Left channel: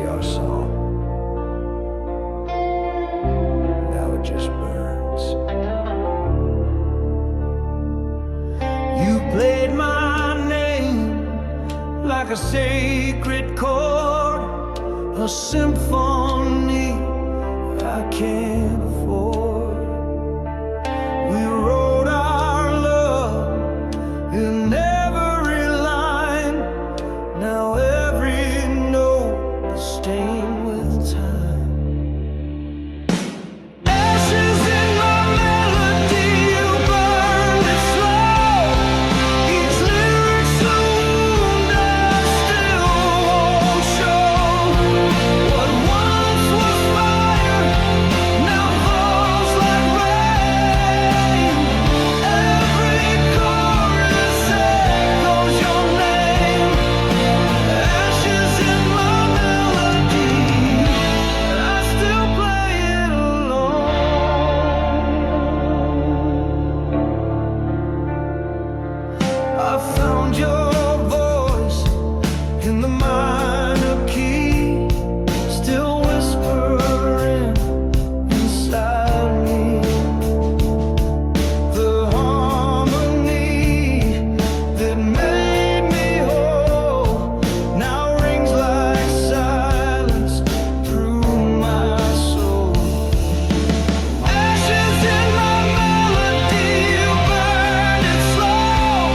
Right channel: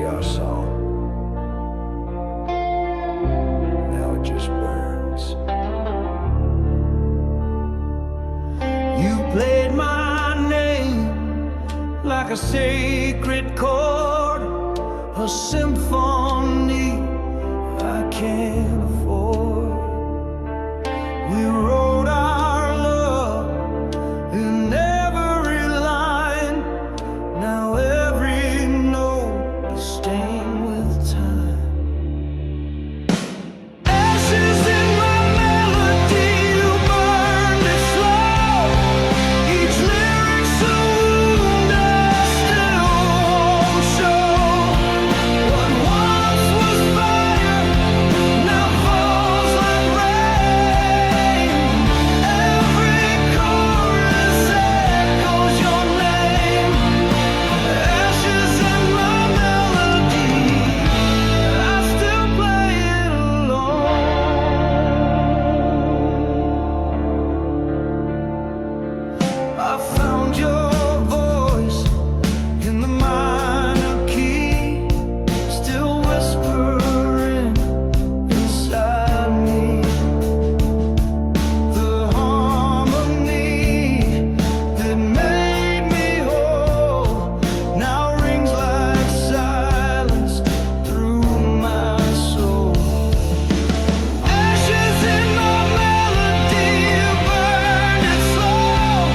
be our song. Now it just burns. You played my name like a sacred chord, a symphony I can't afford. We wrote our love in every line. Now every note is stained with time. Ashes in my melody, you burned it slow. Each lyric's a wound I still won't show. What once was fire now falls like rain. Every chorus echoes your name. Ashes in my melody, I still play it alone. I found your voice in the minor key, still whispering inside me. The harmony that made me whole now rings like silence through my soul. Ashes in my melody, you burned it slow.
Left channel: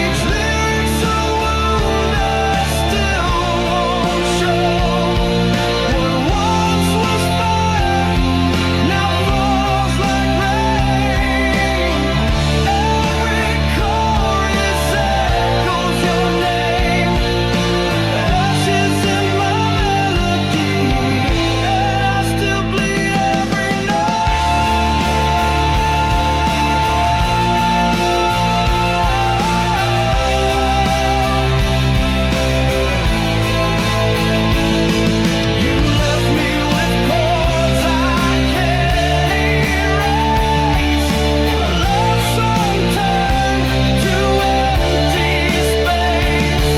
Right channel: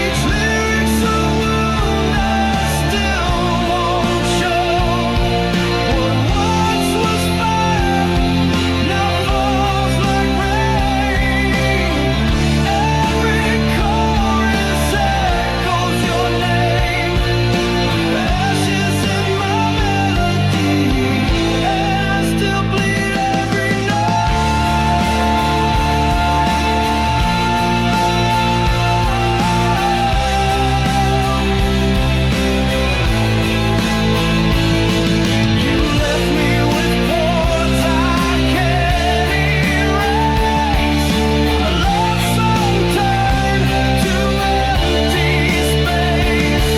Each lyric's a wound I still won't show. What once was fire now falls like rain. Every chorus echoes your name. Ashes in my melody, and I still bleed every You left me with chords I can't erase. A love song turned to empty space.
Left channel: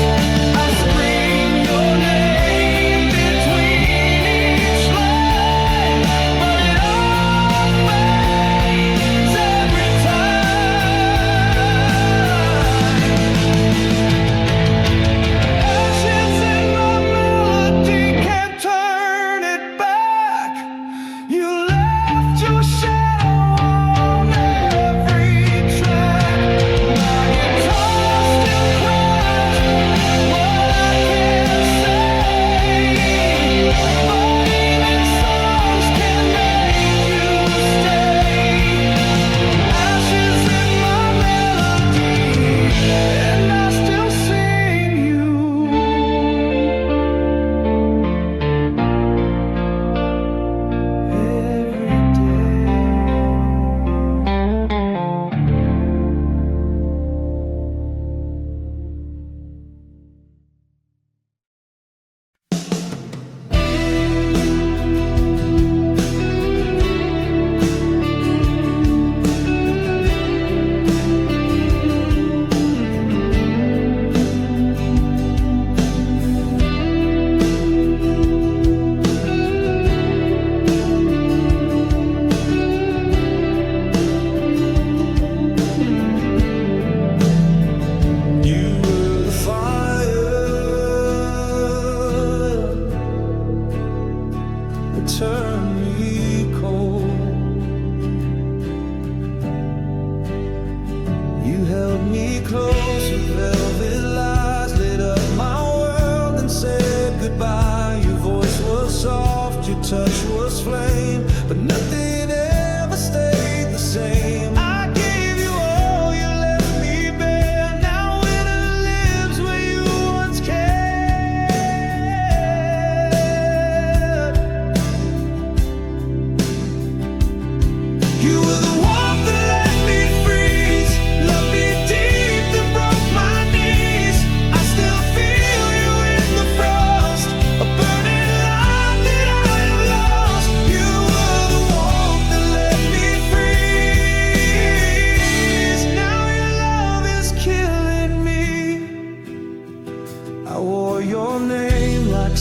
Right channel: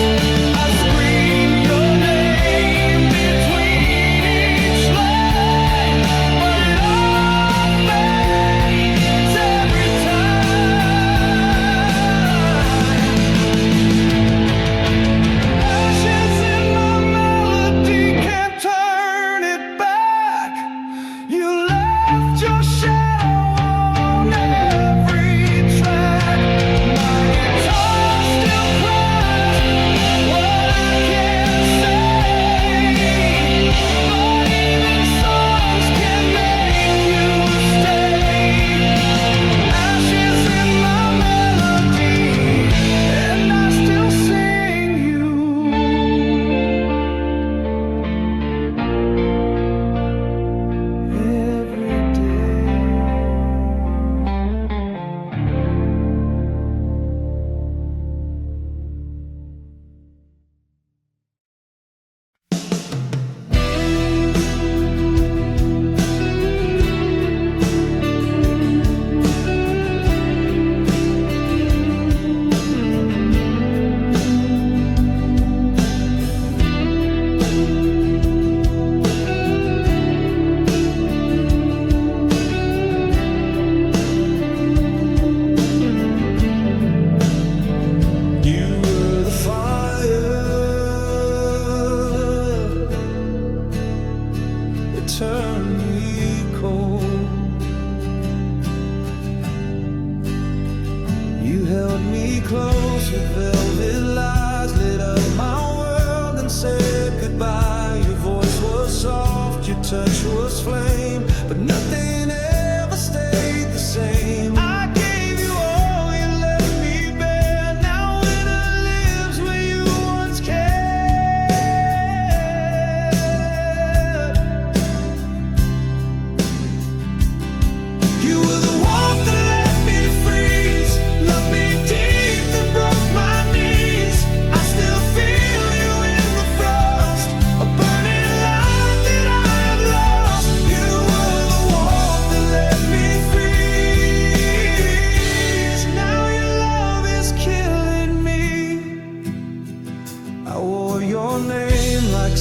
I scream your name between each line, but it all fades every time. Ashes in my melody, can't turn it back. You left your shadow on every track. My guitar still cries what I can't say, but even songs can make you stay. Ashes in my melody, and I still sing you every day. You were the fire that turned me cold. You held me close with velvet lies, lit up my world and said goodbye. Your voice was soft, your touch was flame, but nothing ever stayed the same. I gave you all, you left me bare. Now winter lives where you once cared. You were the warmth that let me freeze, loved me deep, then broke my knees. I still feel you in the frost, a burning light that I have lost. You were the warmth that let me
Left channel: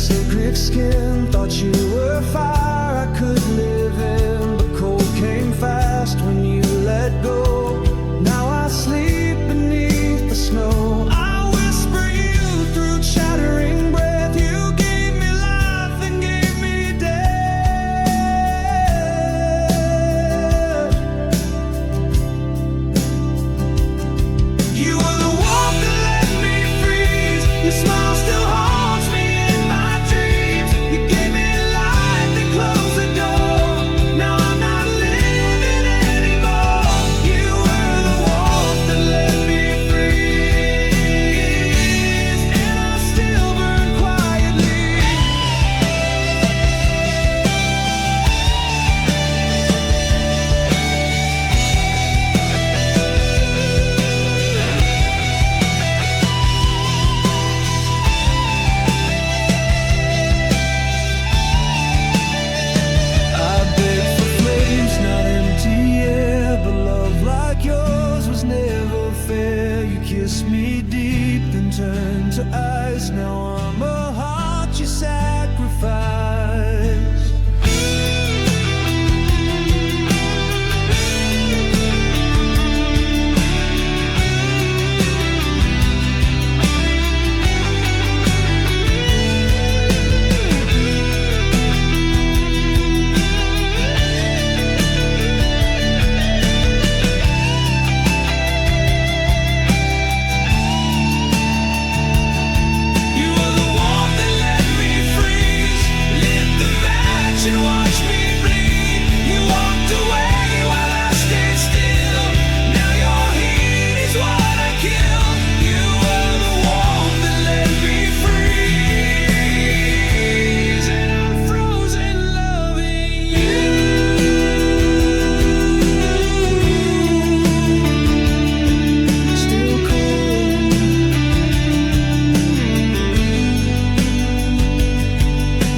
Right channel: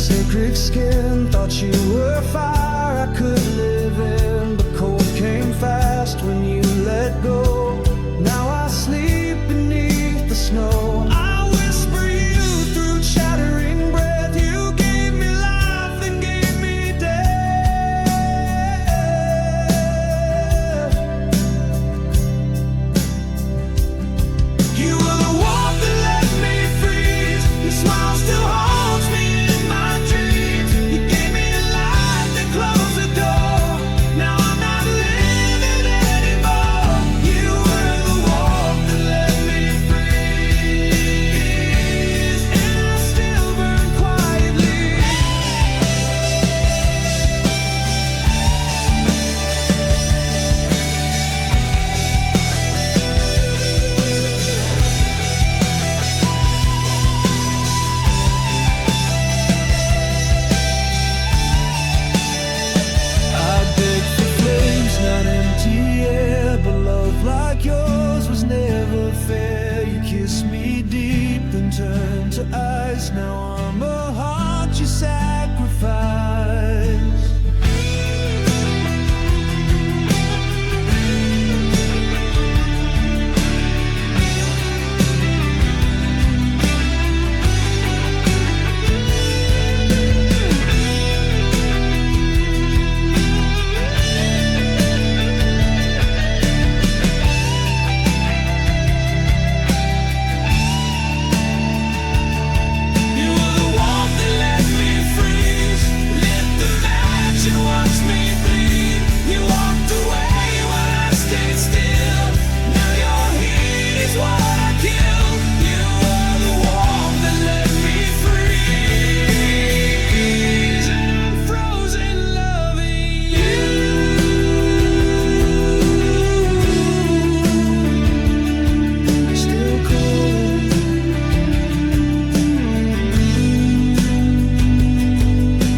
sacred skin. Thought you were fire I could live in, but cold came fast when you let go. Now I sleep beneath the snow. I whisper you through chattering breath. You gave me life and gave me death. You were the warmth that let me freeze. Your smile still haunts me in my dreams. You gave me life, then closed the door. Now I'm not living anymore. You were the warmth that let me freeze, and I still burn quietly. I begged for flames, not empty air, but love like yours was never fair. You kissed me deep, then turned to ice. Now I'm a heart you sacrificed. You were the warmth that let me freeze, lit the match and watched me bleed. You walked away while I stayed still. Now your heat is what I killed. You were the warmth that let me freeze, and I'm frozen loving you. Still cold,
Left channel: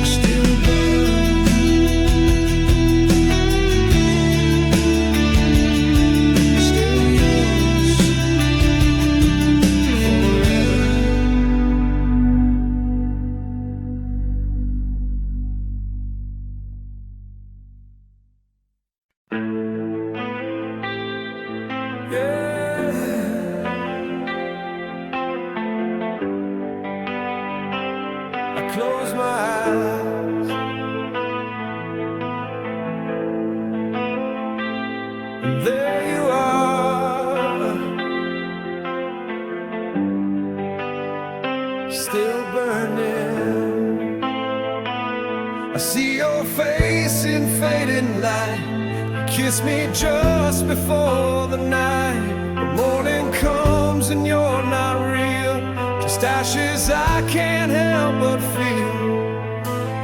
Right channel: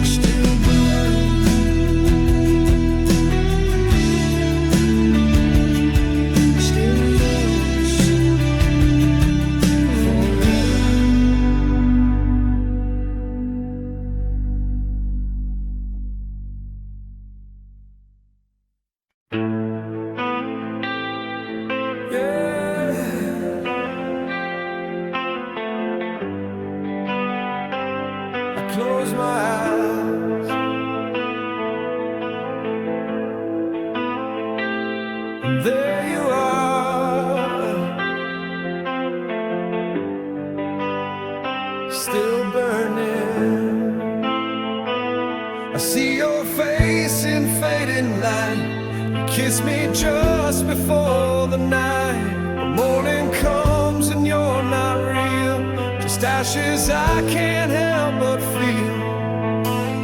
still burn, still yours forever. Yeah, I close my eyes and there you are, still burning. I see your face in fading light. You kiss me just before the night. The morning comes and you're not real, just ashes I can't help but feel.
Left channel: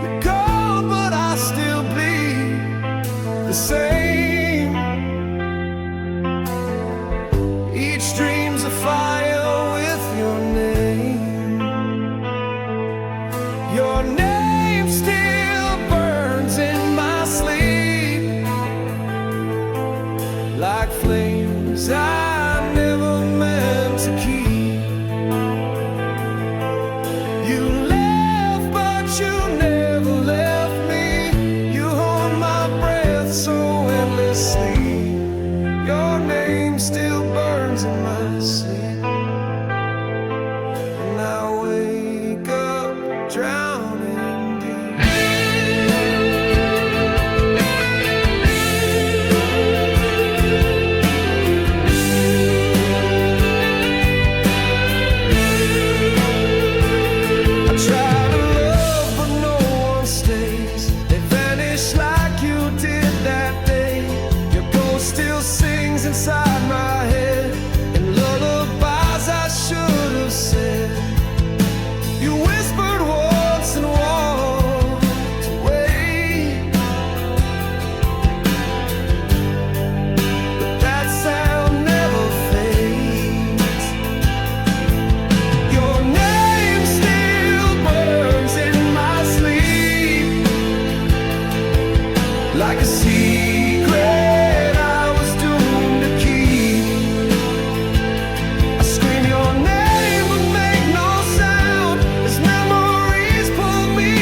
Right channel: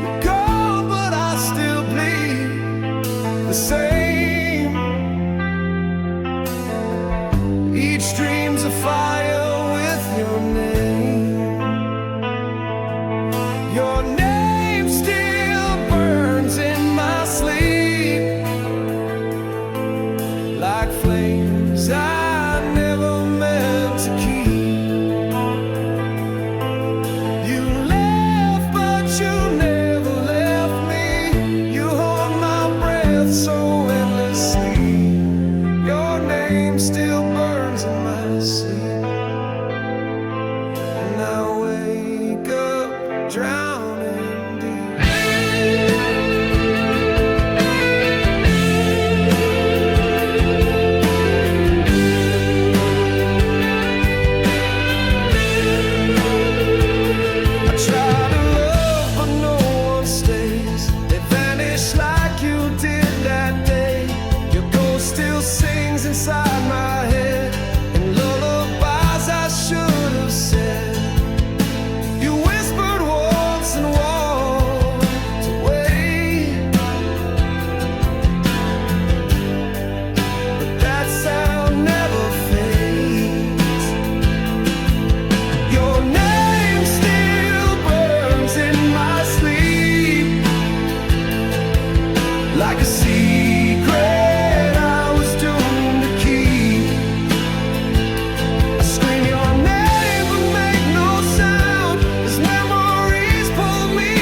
You're gone, but I still bleed the same. Each dream's a fire with your name. Your name still burns in my sleep, like flames I never meant to keep. You left, but you never left me. You hold my breath so endlessly. Your name still burns in my sleep, and I wake up drowning deep. I try to love, but no one stays. They vanish like you did that day. Your ghost still sings inside my head, and lullabies I should have said. You whispered once and walked away, but that sound never fades. Your name still burns in my sleep, like a secret I was doomed to keep. I scream your name but make no sound, as memories pull me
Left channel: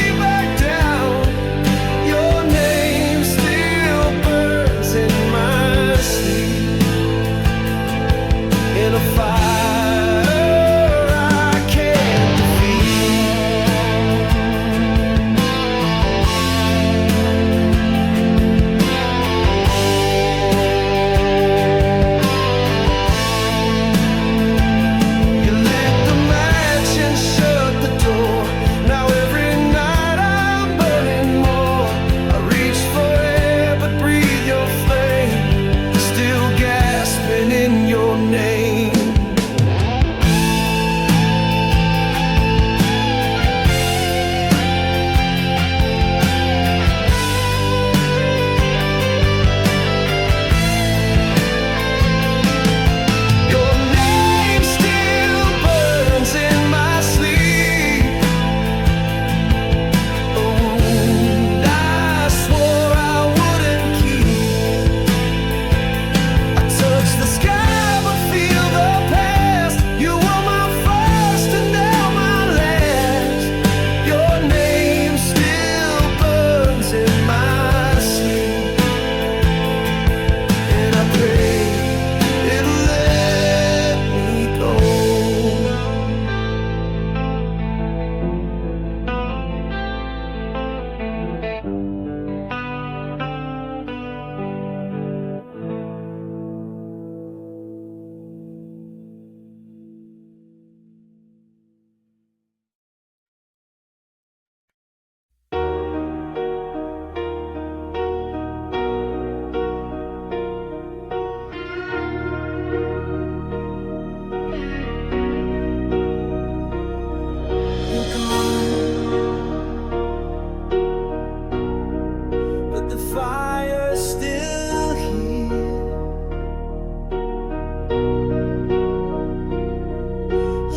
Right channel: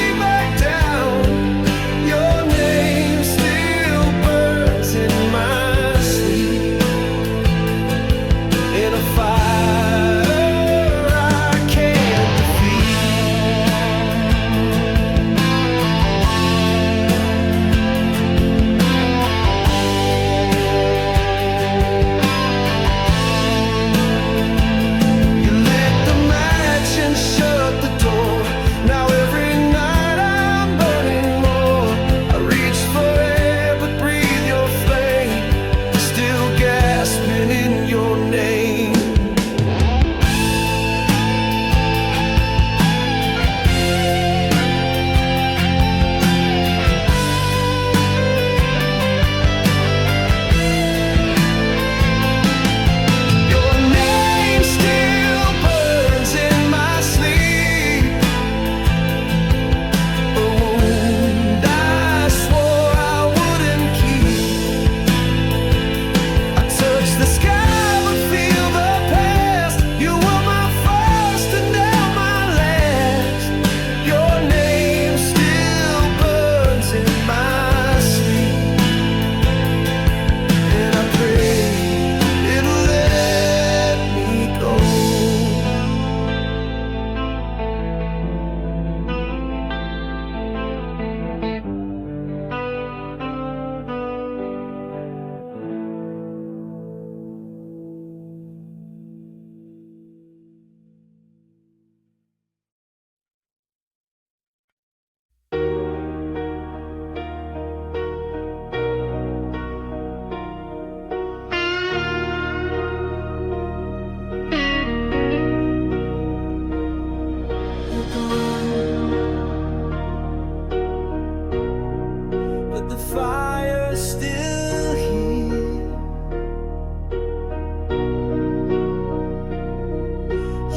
the fire's still here.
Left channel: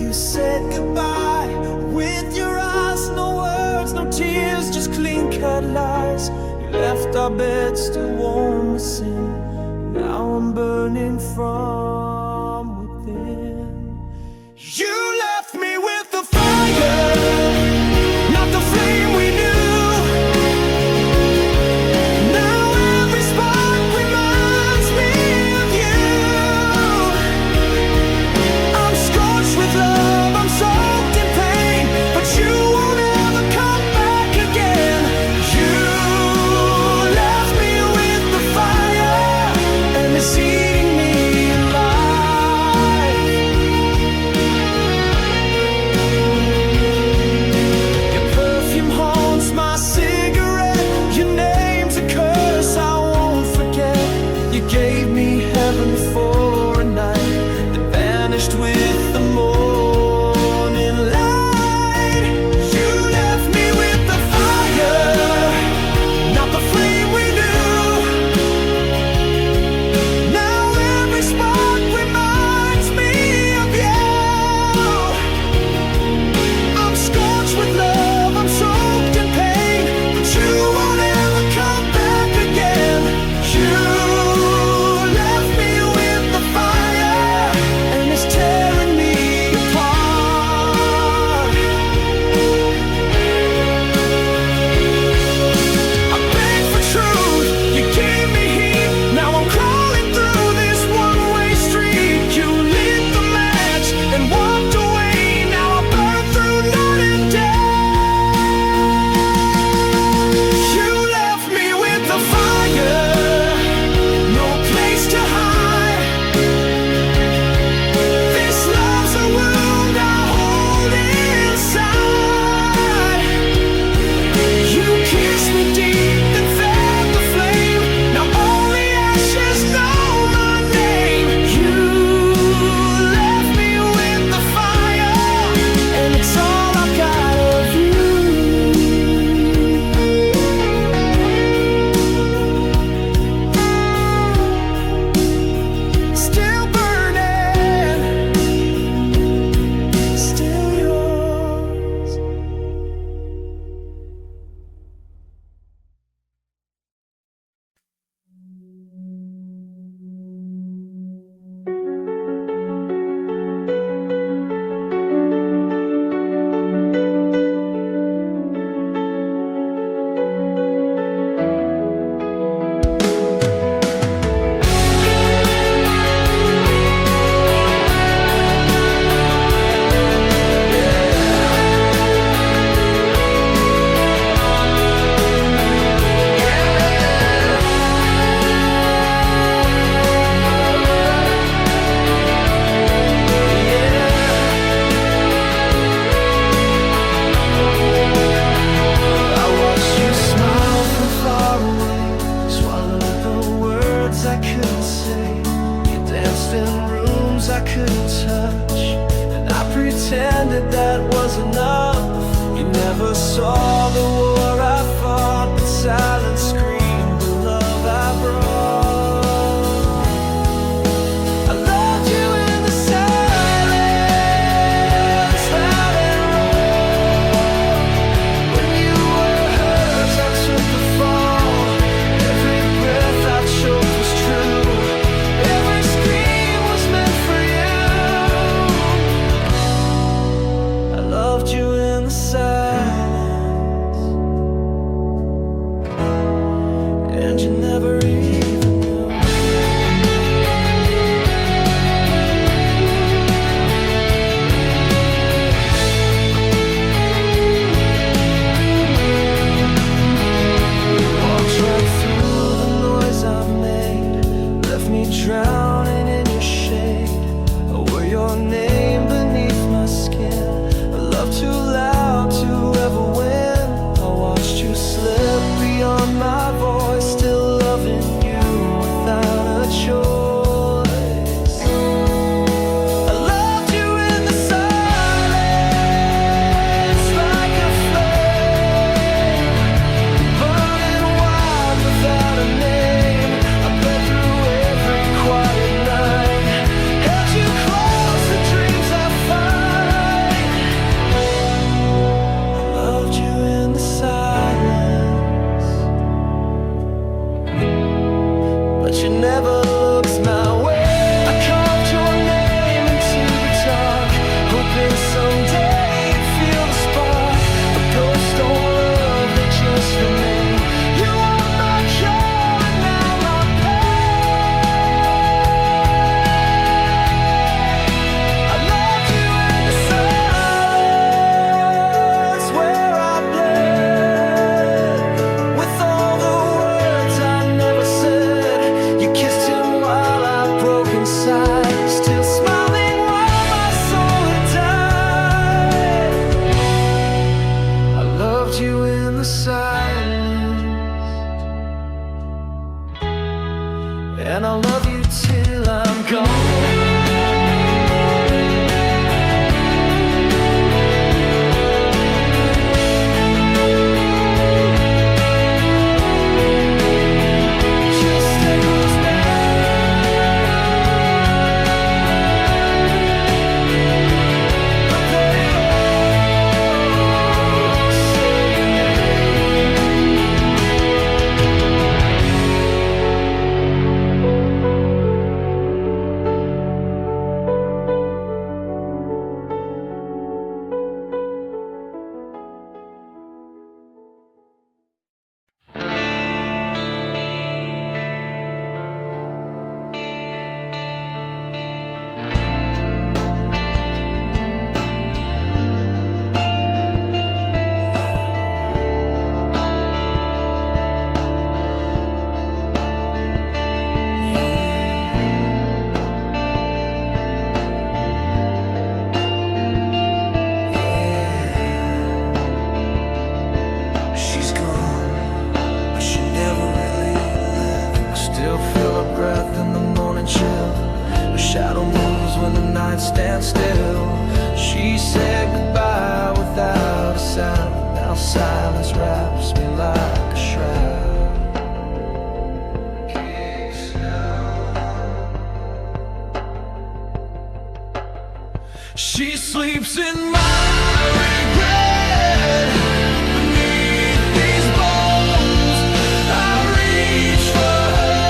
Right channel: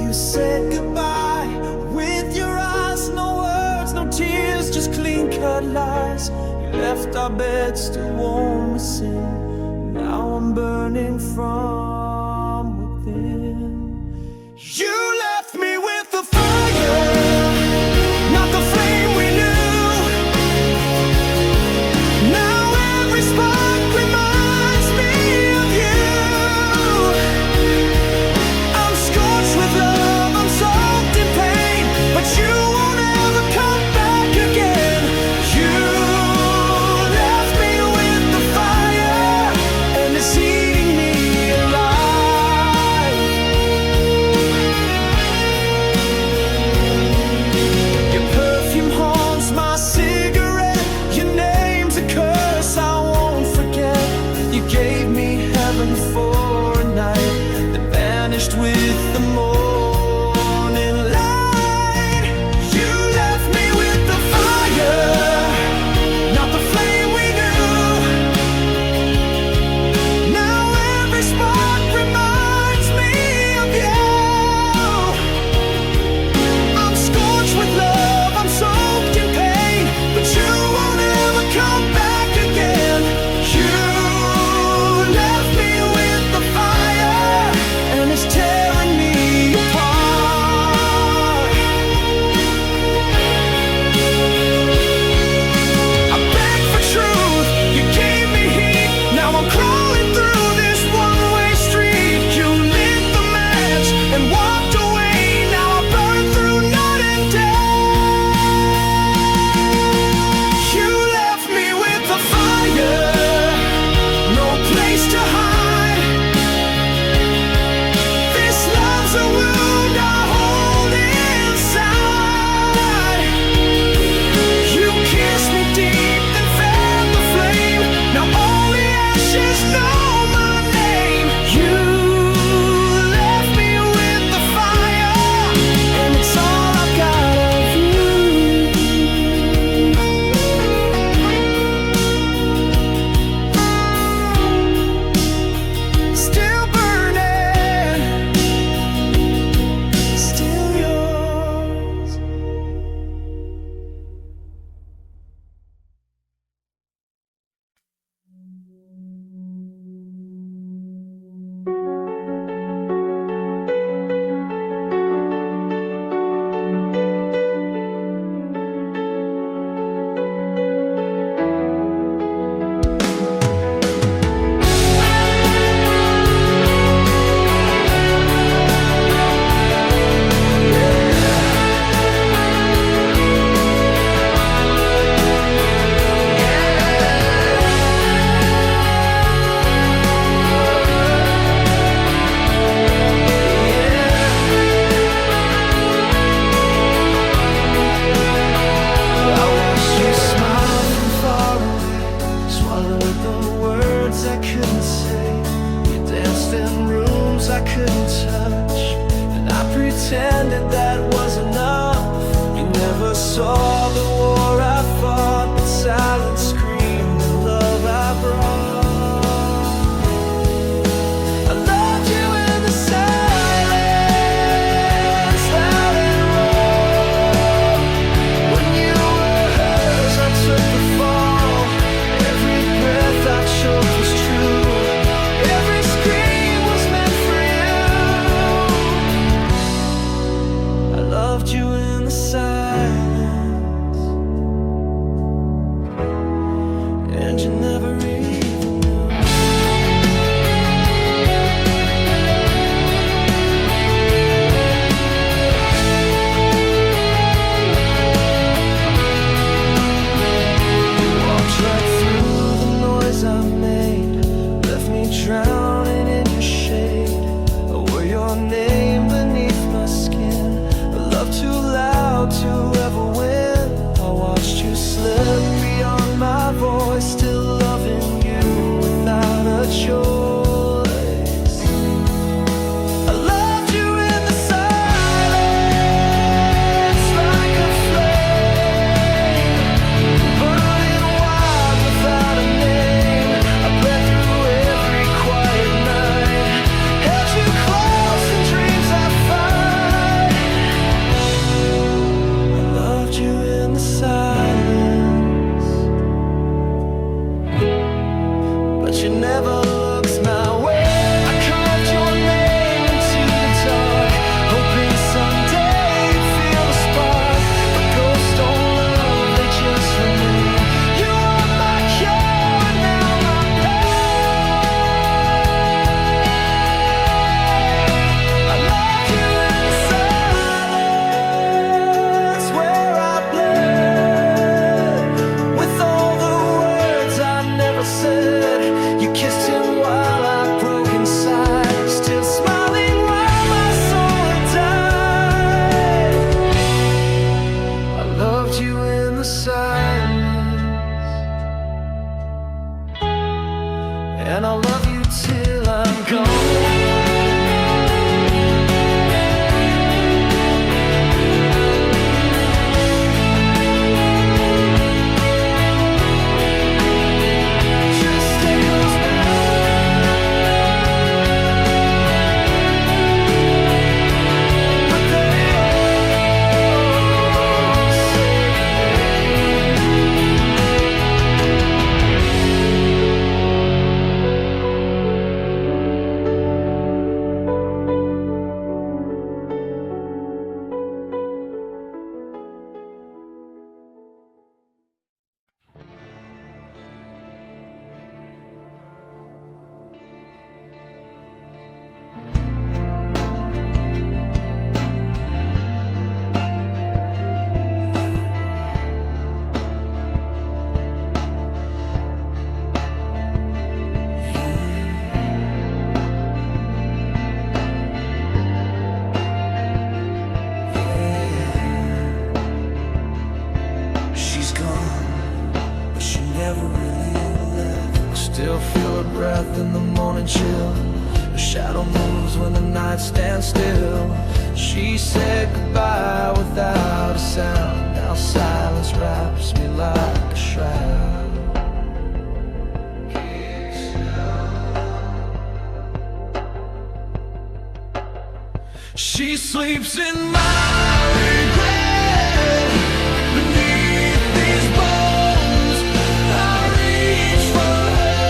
You said goodbye with your eyes, no words, no tears, just clean-cut lies. You left our bed still warm with sin. Now I'm burning from within. You left me with the fire, not the flame we knew. Now every spark reminds me of you. I'm scorched with love, I'm soaked in pain, but you won't ever come back again. You left me with the fire, and it's eating me alive. Your perfume haunts my cigarette. Your name's a curse I won't forget. You gave me heaven for a night that vanished with the morning light. You left me with the fire, not the flame we knew. Now every spark reminds me of you. I'm scorched with love, I'm soaked in pain, but you won't ever come back again. You left me with the fire, and it's tearing me apart. I begged for truth, you gave me heat. Now I'm crawling through this one-way street. You lit the match and walked away. Now I burn through night and day. You left me with the fire, no place to hide. This love's a wound I hold inside. You kissed me deep, then fed the flame. Now only ashes know my name. You left me with the fire, and it's all I've got of you. Still burning, still yours. I watched you smile from far away, swallowed the words I couldn't say. You danced in rooms I couldn't touch, and I pretended that was enough. You never saw the war I fought, but silence screamed the love I brought. I loved you in the silence, loud and raw. When you were hers, I took the fall. Every breath I choked was true. Every scream was meant for you. I loved you in the silence, and you never even knew. You walked right through the noise I made, left me drowning in your shade. I wore your name beneath my skin, a love too loud to ever win. I watched you slip beyond my voice, still loving you without a choice. I loved you in the silence, like a flame, burning wild without she never looks my way. I carved your name into the dark, hoping someday you'd feel the spark. But ghosts don't love, they just remain. You are my cure and now my pain. I loved you in the silence where I bled with all the words I never said. You kissed him while I broke inside, still smiling while my soul had died. I loved you in the silence, and I'll love you till I'm gone. Still feel her breath in the morning chill. Her shadow moves when the night stands still. She said goodbye without a sound. Now silence wraps me like a shroud. She sleeps in my regret. Beneath these bones I reach for her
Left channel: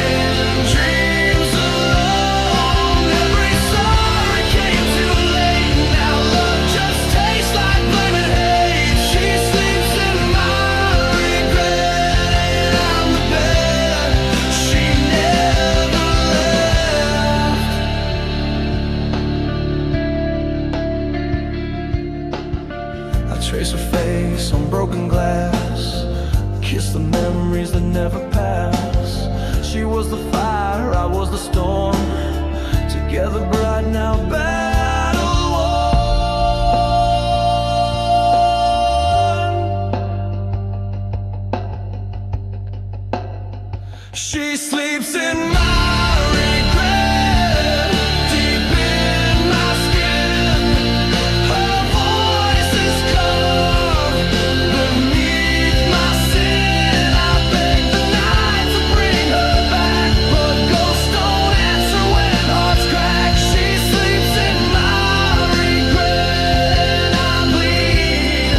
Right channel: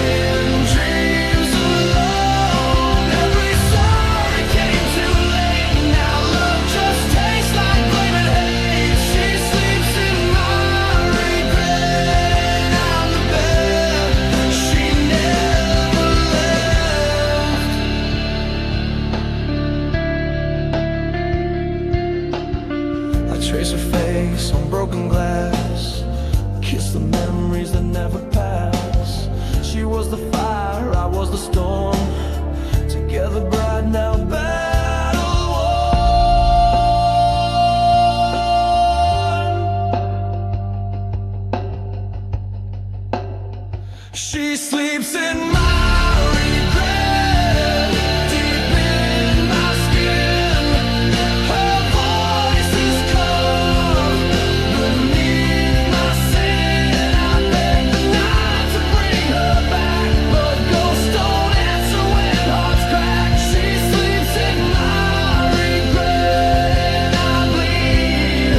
in dreams alone. Every sorry came too late. Now love just tastes like blame and hate. She sleeps in my regret, and I'm the bed she never left. I trace her face on broken glass, kiss the memories that never pass. She was the fire, I was the storm, together bright now battle worn. She sleeps in my regret, deep in my skin. Her voice is calm beneath my sin. I beg the night to bring her back, but ghosts don't answer when hearts crack. She sleeps in my regret, and I bleed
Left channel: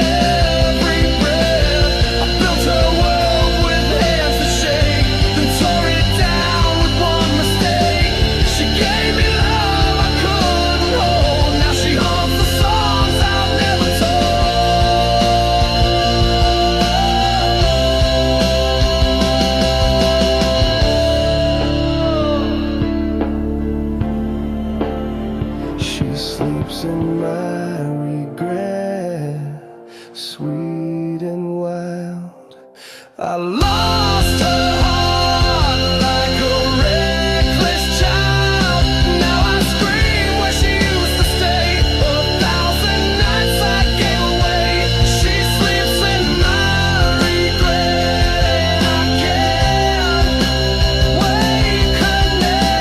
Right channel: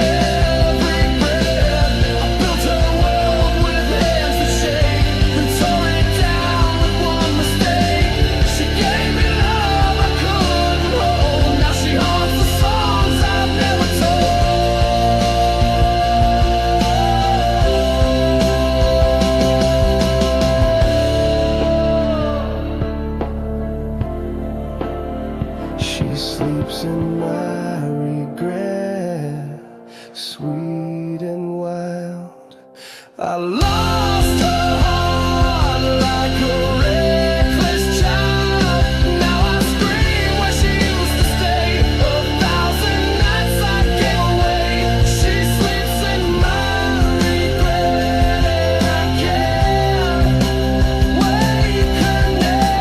every breath. I built her world with hands that shake, then tore it down with one mistake. She gave me love I couldn't hold. Now she haunts the songs I've never told. She sleeps in my regret, sweet and wild. I lost her heart like a reckless child. Now I scream where she used to stay. 1,000 nights I gave away. She sleeps in my regret, and I can't wake her name.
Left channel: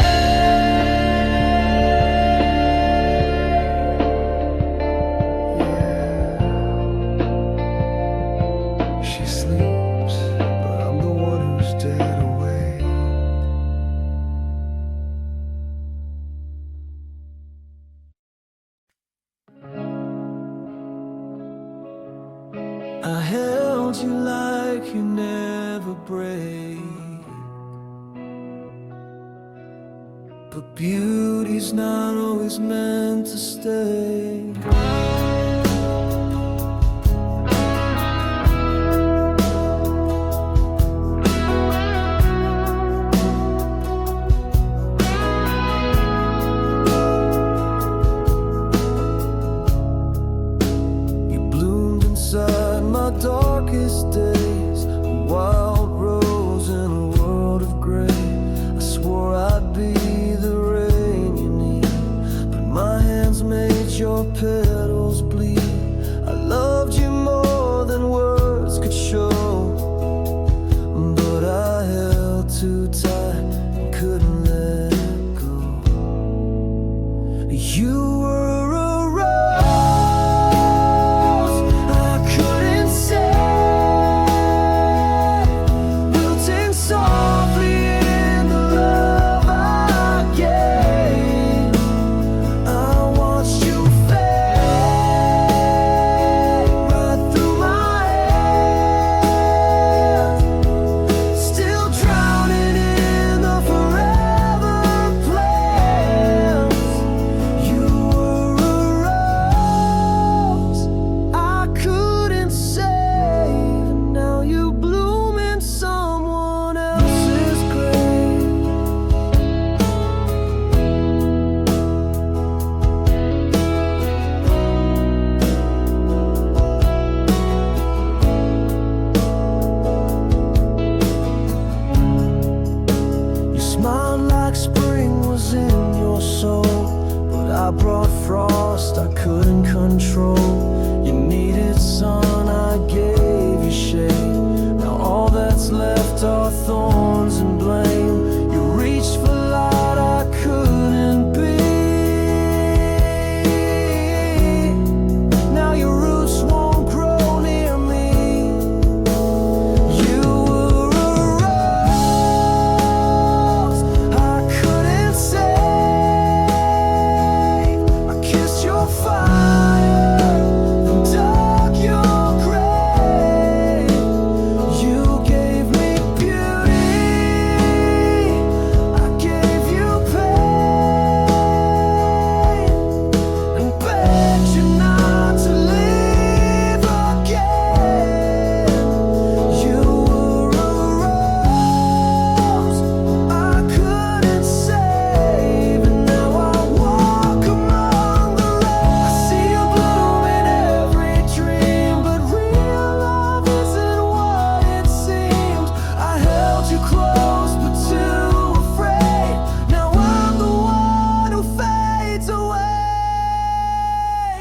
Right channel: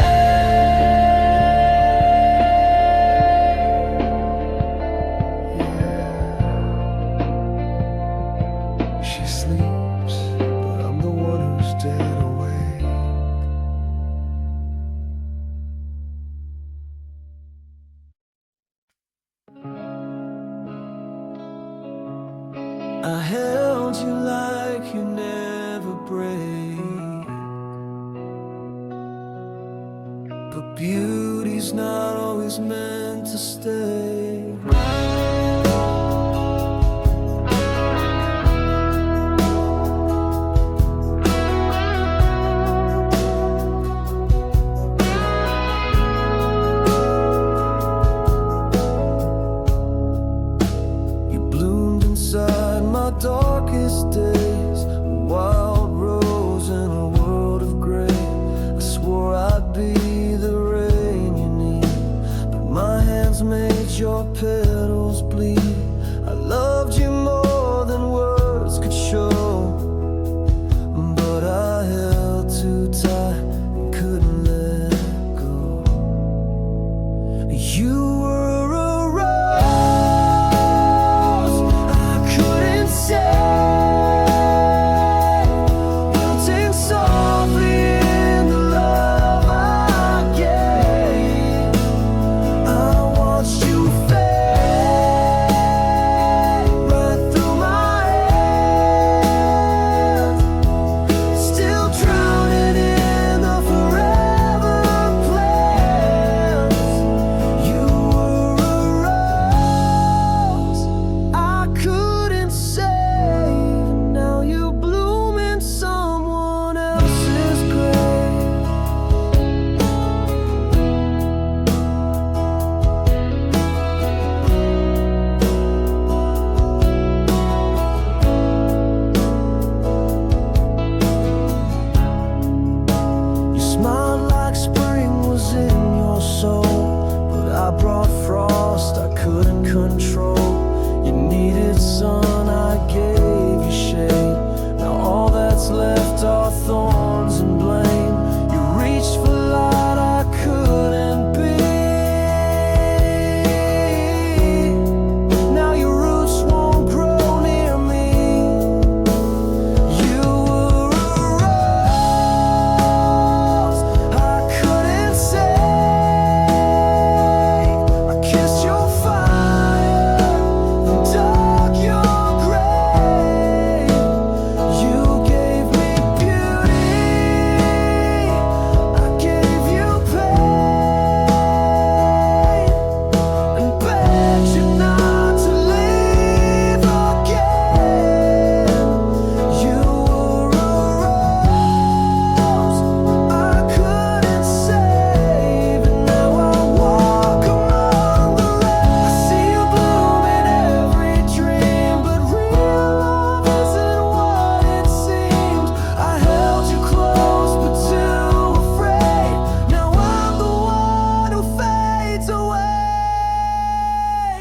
She sleeps, but I'm the one who's dead awake. I held you like you never break. beauty's not always meant to stay. You bloomed inside my darkest days, a wild rose in a world of gray. I swore I'd be the rain you need, but my hands made your petals bleed. I loved you more than words could show, but I held too tight and couldn't let go. You were a rose I couldn't save, wilting softly in the love I gave. I watched you fade right through my hands, still drowning in the forever plans. You were a rose I couldn't save, and now you bloom in someone else's grave. You smiled like spring was in your soul, but I brought frost I couldn't control. You needed sun, I gave you shade. Now all that's left are thorns and blame. You reached for light I couldn't be. Now your roots won't grow near me. You were a rose I couldn't save. I kissed your fire and dug your grave. You gave me beauty, I gave you pain, and begged you not to leave again. You were a rose I couldn't save, and now I walk among the rain. I see you bloom in every dream, but real love isn't what it seems. I held you close but too afraid. Now I'm the one who fades away.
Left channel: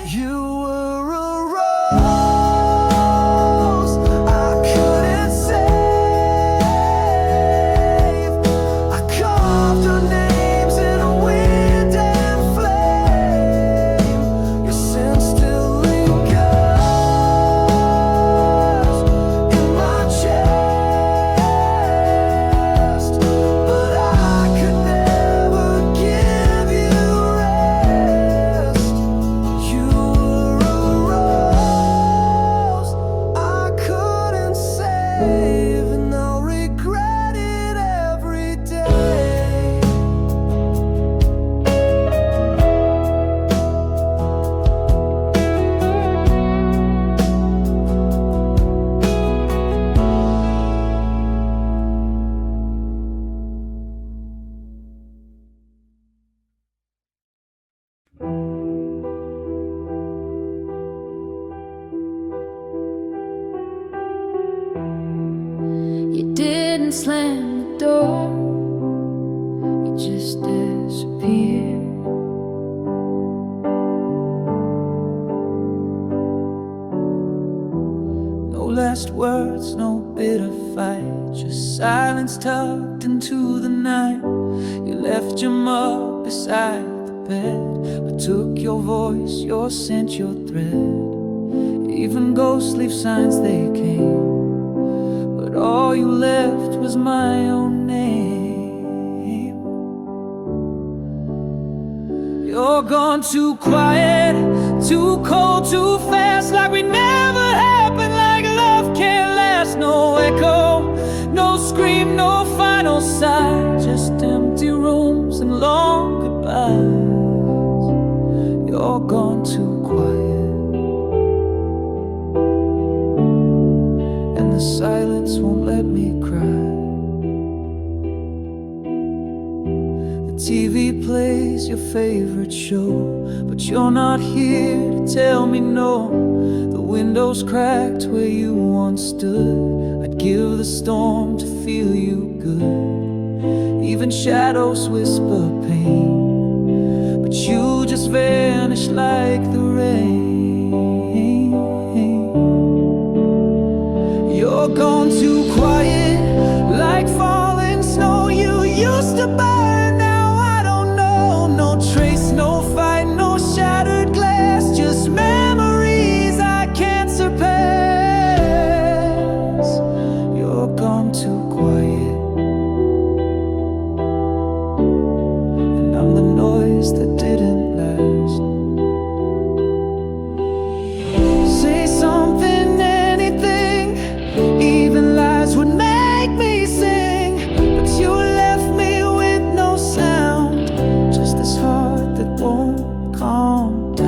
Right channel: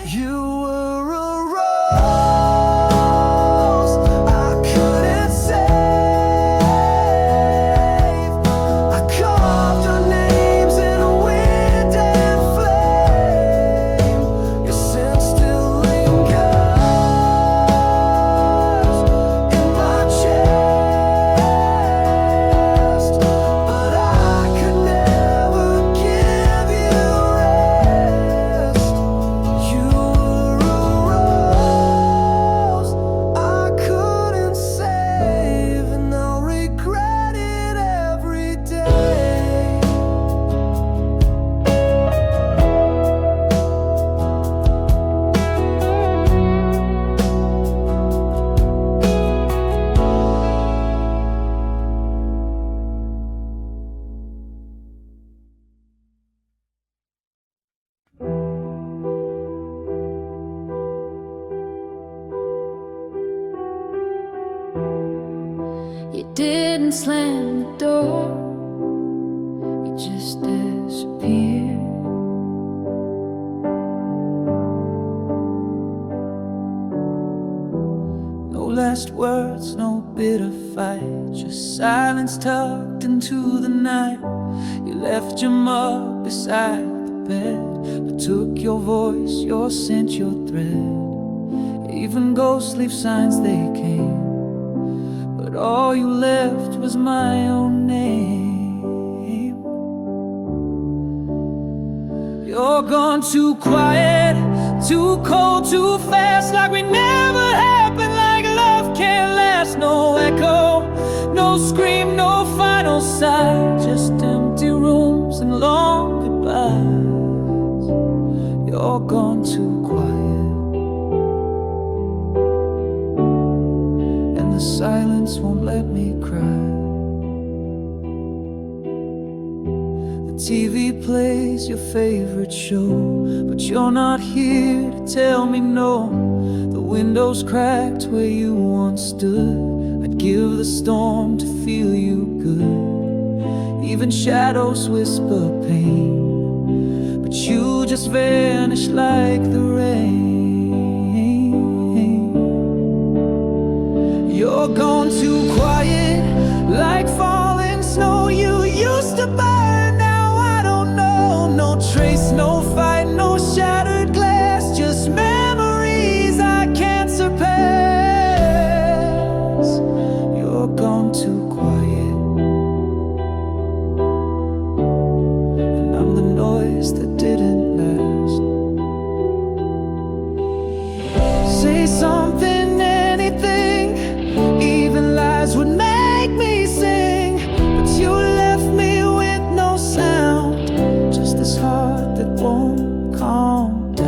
You were a rose I couldn't save. I carved our names in wind and flame. Your scent still lingers in my chest, but I could never give you rest. You were a rose I couldn't save, and I'll regret it every day. You didn't slam the door, you just disappeared. No last words, no bitter fight, just silence tucked into the night. You left your mug beside the bed, but took your voice, your scent, your thread. Even ghosts leave signs they came, but all you left was my own name. You're gone too quiet, too cold, too fast, like we never happened, like love can't last. No echo, no scream, no final sigh, just empty rooms and long goodbyes. goodbyes. You're gone too quiet, and the silence won't let me cry. The TV plays your favorite show, but you're not here to tell me no. The window's cracked where you once stood. I'd give the storm to feel you good. Even shadows whisper pain, but you just vanish like the rain. You're gone too quiet, like falling snow. You used to burn, now I don't know. No trace, no fight, no shattered glass, just memories I can't surpass. You're gone too quiet, and I'm the noise that didn't last. Say something, anything, even lies would make me sing. But you left me with no sound, just this heart that won't calm down.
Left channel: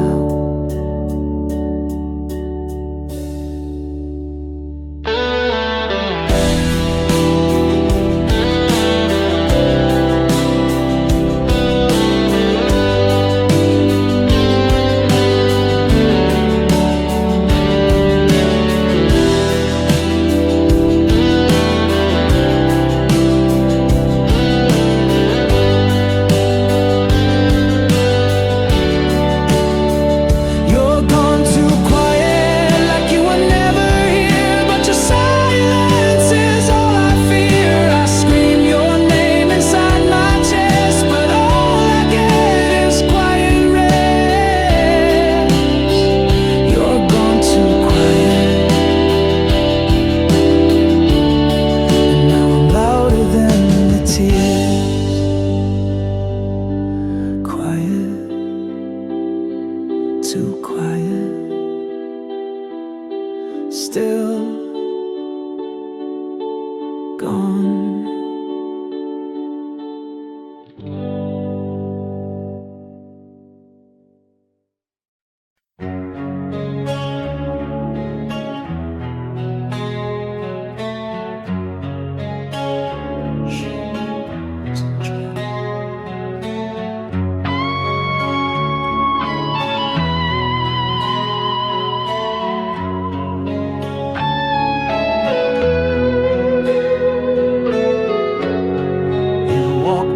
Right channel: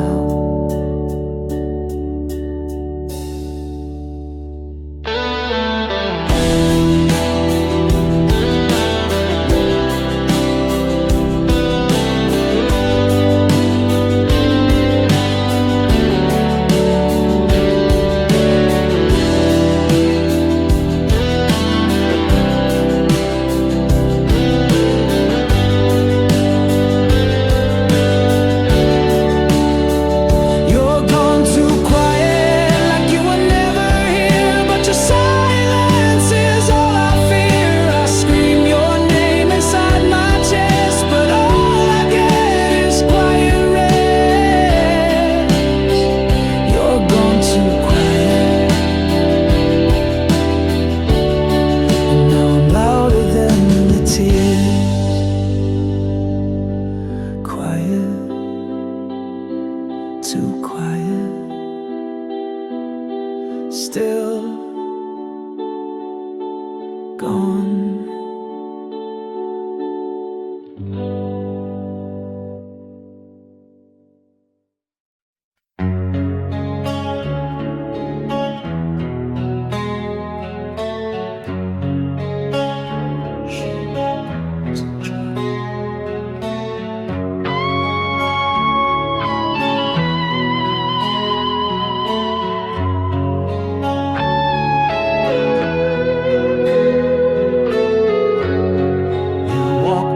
Too quiet, still gone.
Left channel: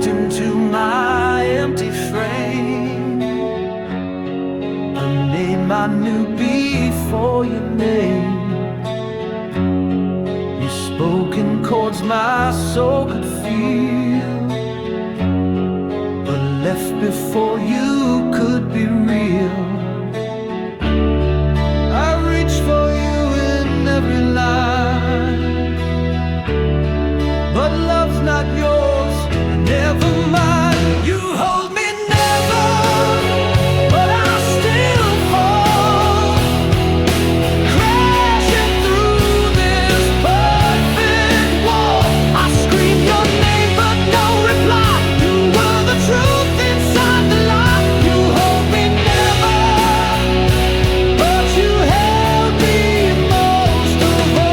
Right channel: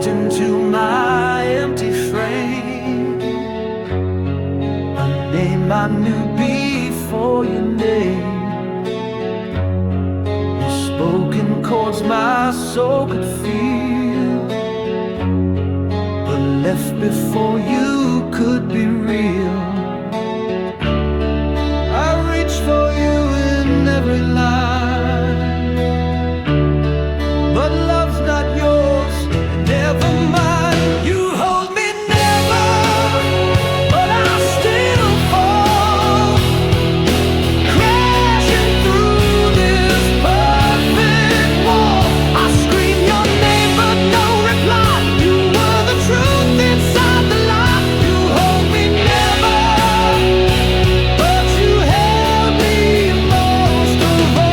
Into my empty frame, a name I knew before your name. You spoke in chords my soul could feel, but left before you could be real. I reach for you in every line, but love's not yours. Never mind, you hold me never, but I still fall, crashing through this perfect wall. I scream your name, but no reply. You were the truth inside the lie. You hold me never, but you held me most of all.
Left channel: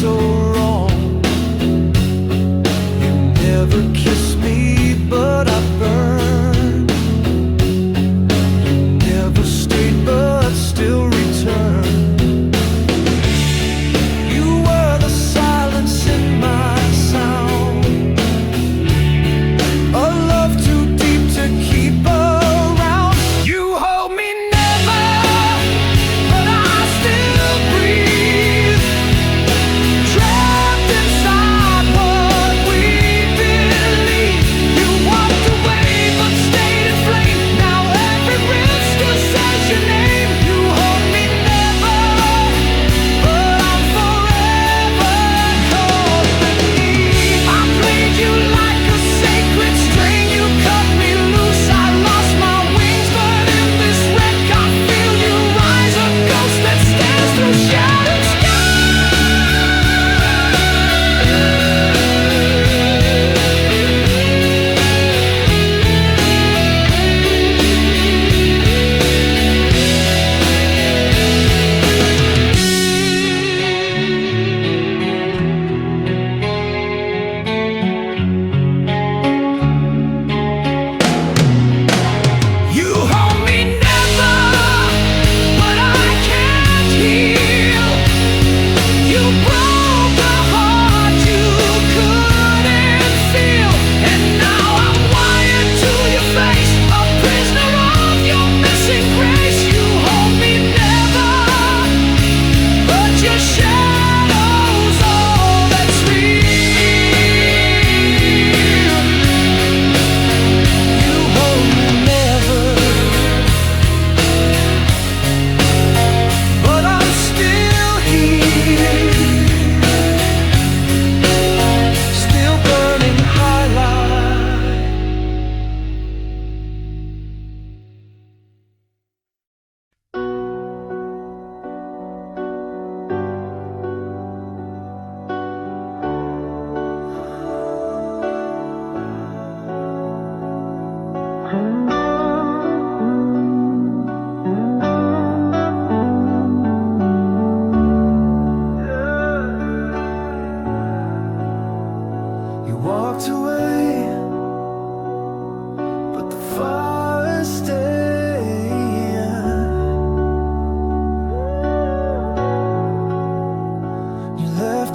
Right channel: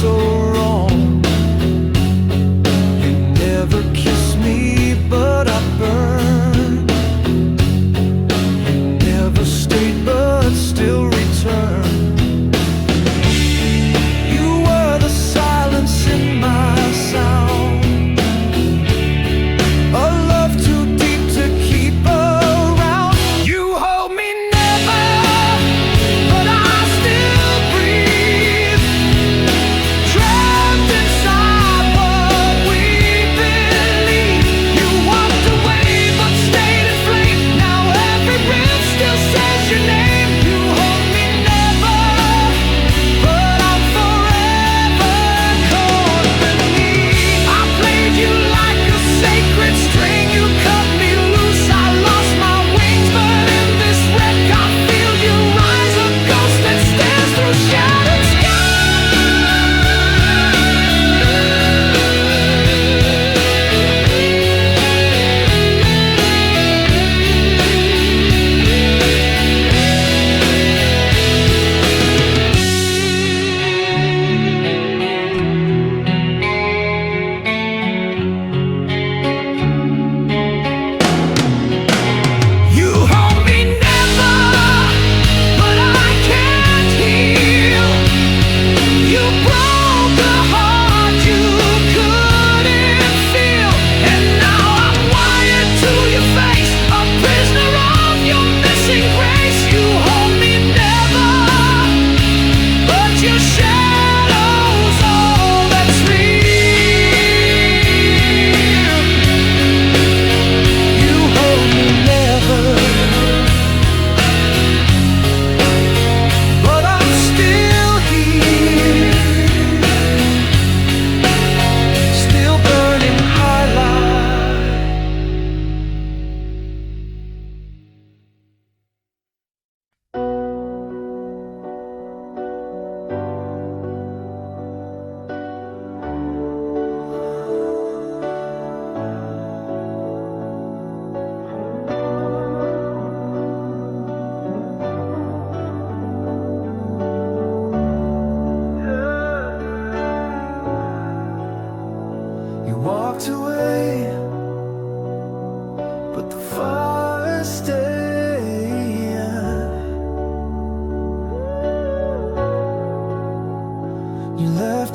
So wrong. You never kissed me, but I burned. You never stayed, but still returned. You were the silence in my sound, a love too deep to keep around. You hold me never, but I still breathe. Trapped inside what we believe. You walked away but stayed in flame. Now every breath still says your name. You hold me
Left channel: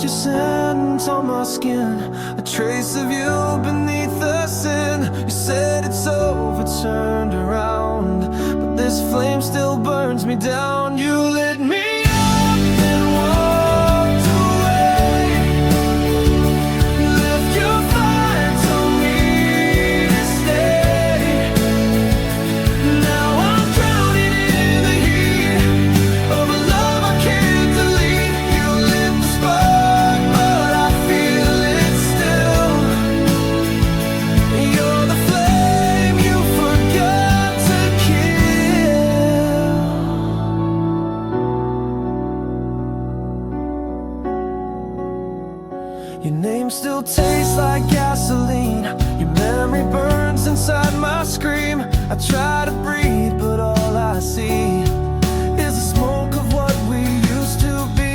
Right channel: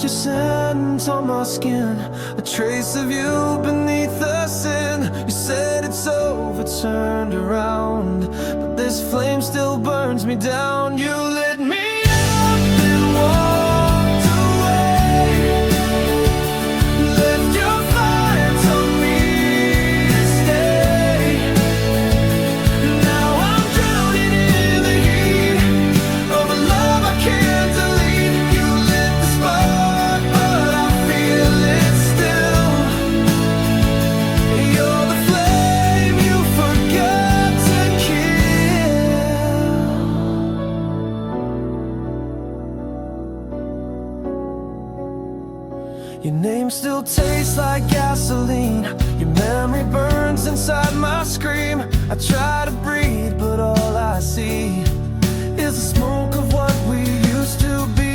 your scent on my skin, a trace of you beneath the sin. You said it's over, turned around, but this flame still burns me down. You lit me up and walked away, left your fire, told me to stay. Now I'm drowning in the heat of a love I can't delete. You lit the spark, but I feel it still. You're the flame you forgot to kill. Your name still tastes like gasoline. Your memory burns inside my scream. I try to breathe, but all I see is the smoke of what we used to be.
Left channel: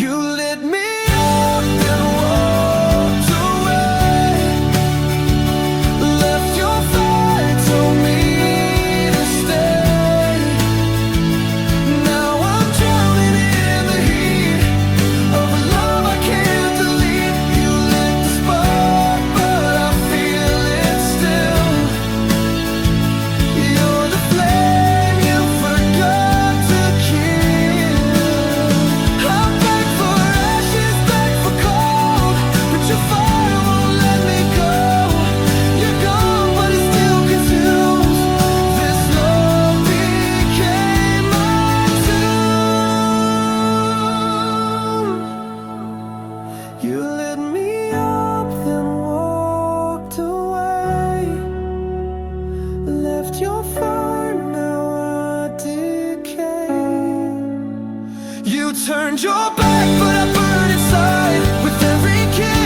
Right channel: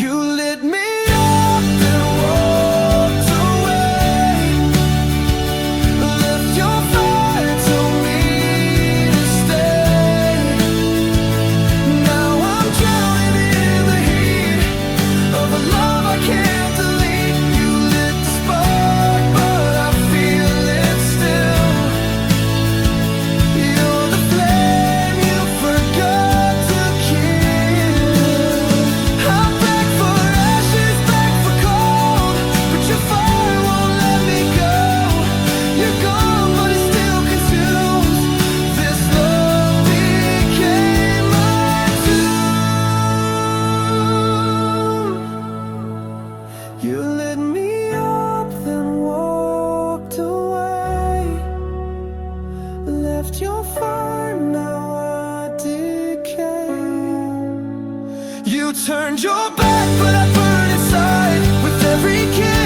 You lit me up and walked away, left your fire, told me to stay. Now I'm drowning in the heat of a love I can't delete. You lit the spark, but I feel it still. You're the flame you forgot to kill. I'll beg for ashes, beg for cold, but your fire won't let me go. You're gone, but it still consumes. This love became my tomb. You lit me up, then walked away, left your fire, now I decay. You turned your back, but I burn inside with every kiss.